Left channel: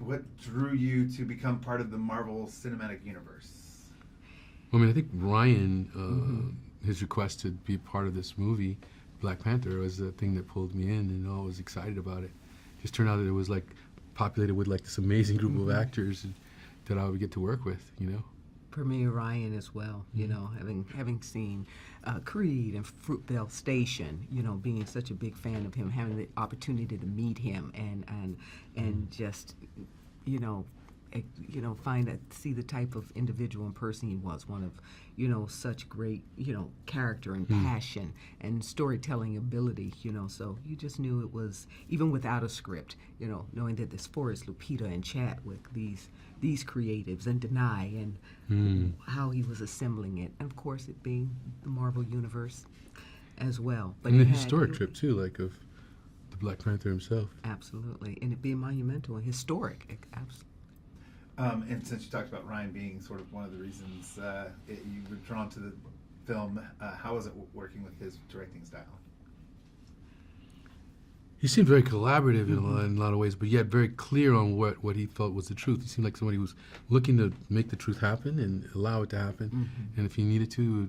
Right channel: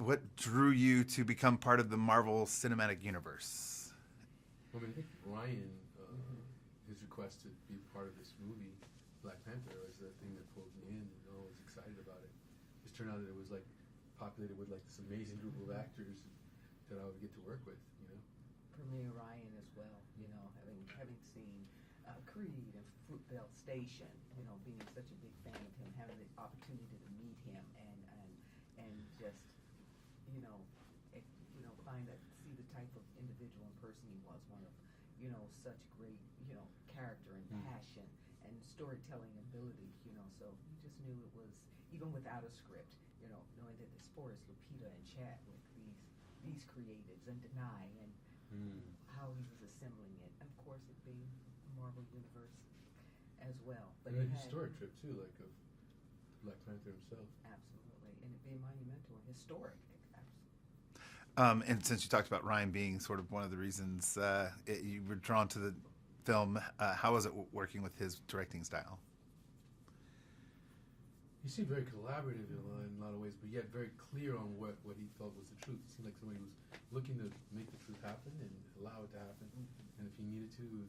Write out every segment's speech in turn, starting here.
what drew you to become part of the Marvel Cinematic Universe? I mean, I think Ryan, his request to be part of this movie, Black Panther, was the thing that pulled me in, and I was excited about it. Just turned out that it was like populated with like this amazing group of actors that I would get to work with, you know. For me, Ryan as well, you know, having seen Creed and Fruitvale Station, you know, being such a big fan of him, having the opportunity to meet him and just, see the type of individual and person he was, one of, you know, such great, you know, character and passion and storytelling ability, you know, so you just knew it was, even without a script, you know, knowing that this forest, Lupita and Chadwick, these creatives, and Danai, and how he was assembling it, and of course it being the Marvel Universe as well. But and the historic trip too, like of the Black Panther himself. Absolutely, and it being monumental and historic, absolutely. And since you talked about Ryan being sort of one of the reasons you were drawn to the film, how was it working with his directing style? He seemed very collaborative in a lot of ways, but yet very clear on what he felt was the truth. He seemed like somebody who was looking to make the truth happen and allow it to happen. And if he needed to,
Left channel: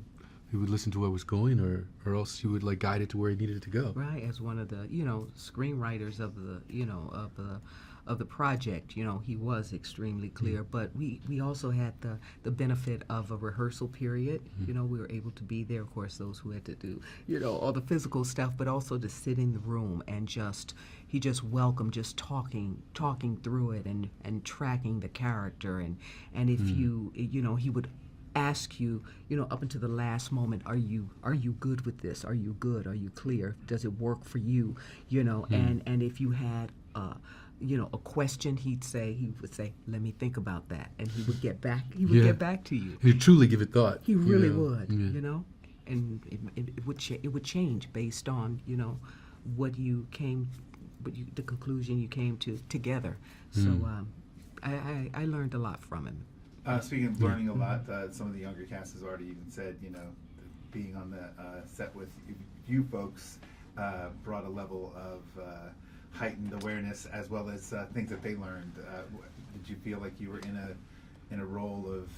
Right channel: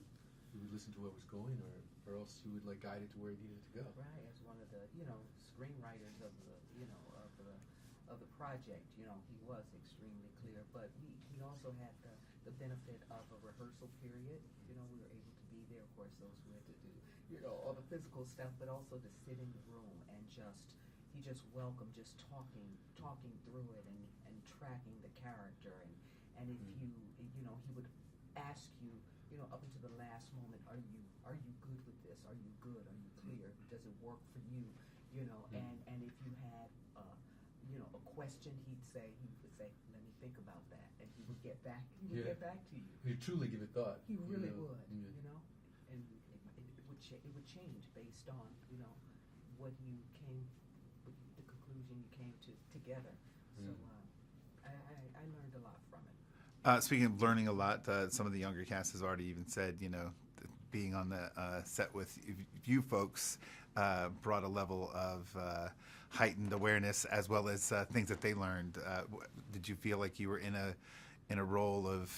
he would listen to what was going, or else he would like guide it to where he needed it to go. Right, as one of the screenwriters of the project, you know, he was extremely clear. But we also had the benefit of a rehearsal period. You know, we were able to be there. Of course, those who had to do, you know, all the physical stuff, but also to sit in the room and he just welcomed just talking through it and tracking the character and if he would ask you, you know, up until the last moment, are you good with this? Are you good? Are you clear? Does it work for you? You know, and if you had a question, he would say, let me think about that, and he would get back to you. He'd truly give it thought. He really would, you know, and it would change based on, you know, the conclusion you came to together. So I learned a lot from him. Speaking of learning a lot, some of the younger cast has already even said, you know, being on the set with you folks brought a level of heightened awareness as well as things that they learned. Did you feel like you were in a role of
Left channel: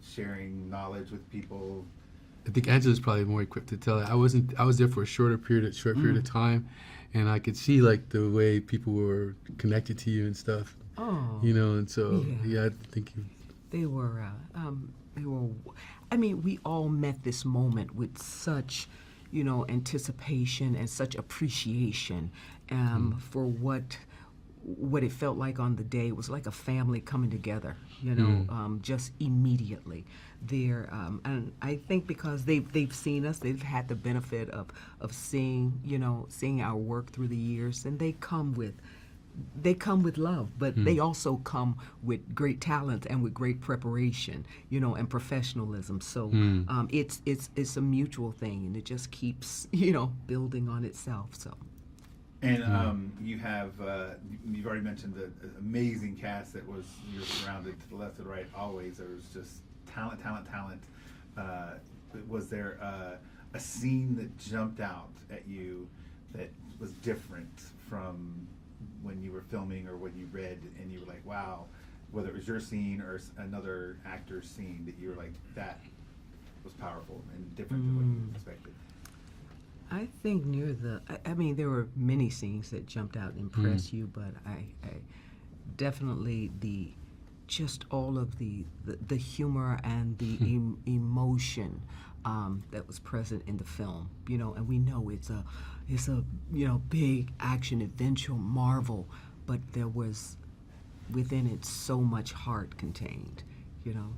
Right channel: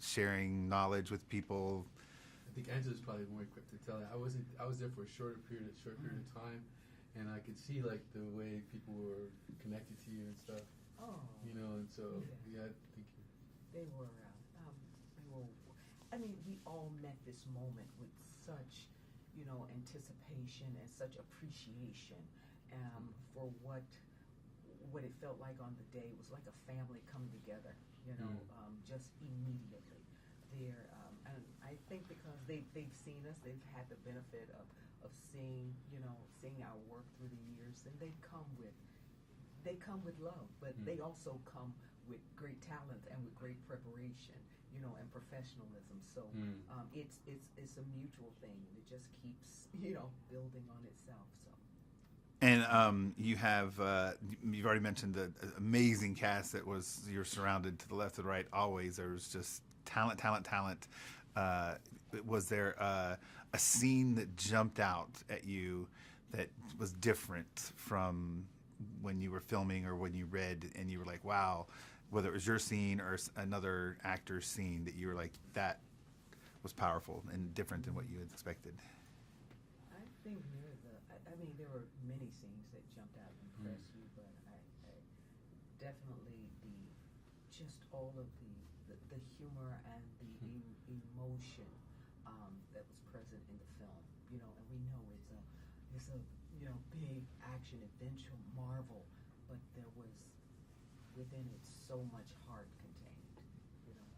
sharing knowledge with people? I think Angela's probably more equipped to tell it. I was there for a short period of time, and I could see like the way people were connected to you and stuff. Oh, you know, and so I think they were. I mean, we all met this moment with such, you know, anticipation and such appreciation for what it felt like on the day. It was like a family coming together, you know, just immediately there. And I think because they've seen us, they've had the benefit of seeing our work through the years, and they come with love, but they also come with great talent and with great preparation, you know, and professionalism. So it's a mutual thing, and it just keeps, you know, building on itself. So. And you've already mentioned the amazing cast that you're surrounded to the left and right always. There was just talent. Was there a scene that jumped out at you that was different from when you were filming or when you read and you were like, wow, whether it was your scene or another actor's scene that you were like, that was powerful and different than what you had expected? I think there were many scenes that jumped out and impressed you, but I definitely just all of the humor and the emotion that was present in the film, you know, and we know it's a you know, big action adventure Marvel, but there was within it so much heart contained, you know.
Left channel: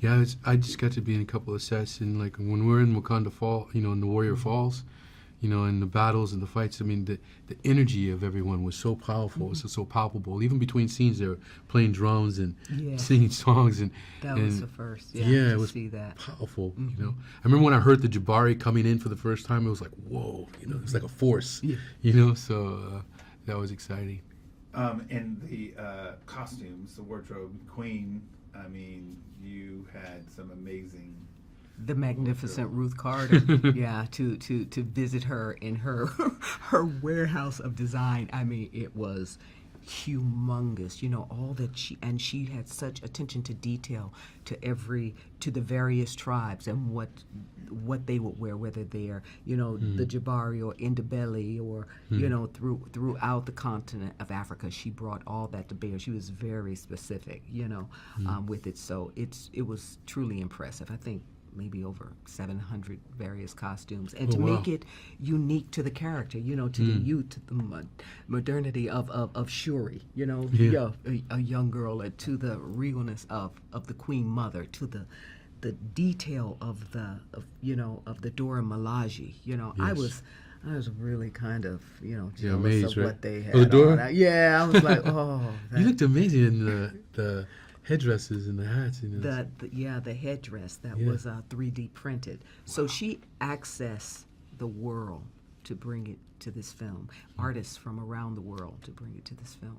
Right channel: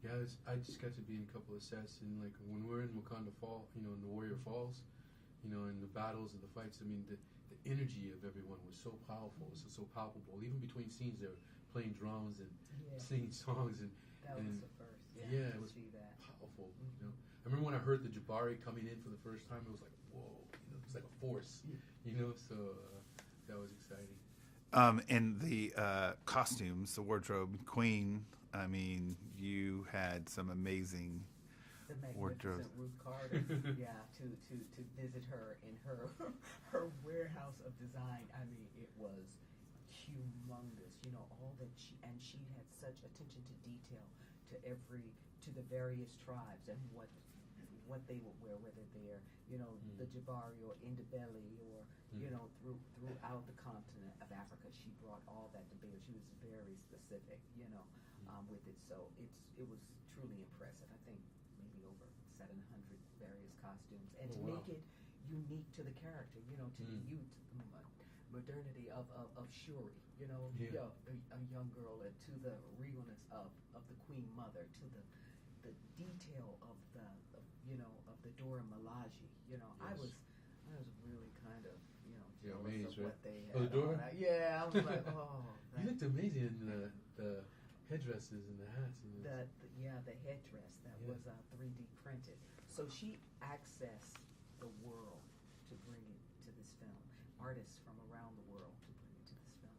Yeah, I just got to be in a couple of sets, and like when we're in Wakanda Fall, you know, in the Warrior Falls, you know, and the battles and the fights. I mean, the energy of everyone was so powerful, it was so palpable. Even between scenes, they were playing drums and singing songs, and that was the first. Yeah, it was see that powerful. You know, I remember when I heard the Jabari coming in for the first time, it was like, whoa, you know, it was like a force. You know, so that was exciting. And the costumes, the wardrobe, Queen. I mean, you had some amazing. The magnificent Ruth Carter, to visit her in her warehouse of design. I mean, it was humongous. You know, all that she had such attention to detail to the various tribes and what they would wear, whether they're, you know, the Jabari or Ndebele or, you know, throughout the continent of Africa. She brought all that to bear. She was very specific, you know, with it. So it was truly impressive. I think maybe over 700 various costumes, and to make it unique to the character, you know, to the youth, to the modernity of Shuri, you know, a young girl, to the realness of the Queen Mother, to the detail of the Dora Milaje. You know, I was really kind of, you know, jealous amazed, of right? what they had. Oh, the Dora? I was like, oh. You looked amazing in the headdresses and the hats. You know. The headdress that was 3D printed. So she accessed the world to bring it to this film. Artists from around the world to bring it to this film.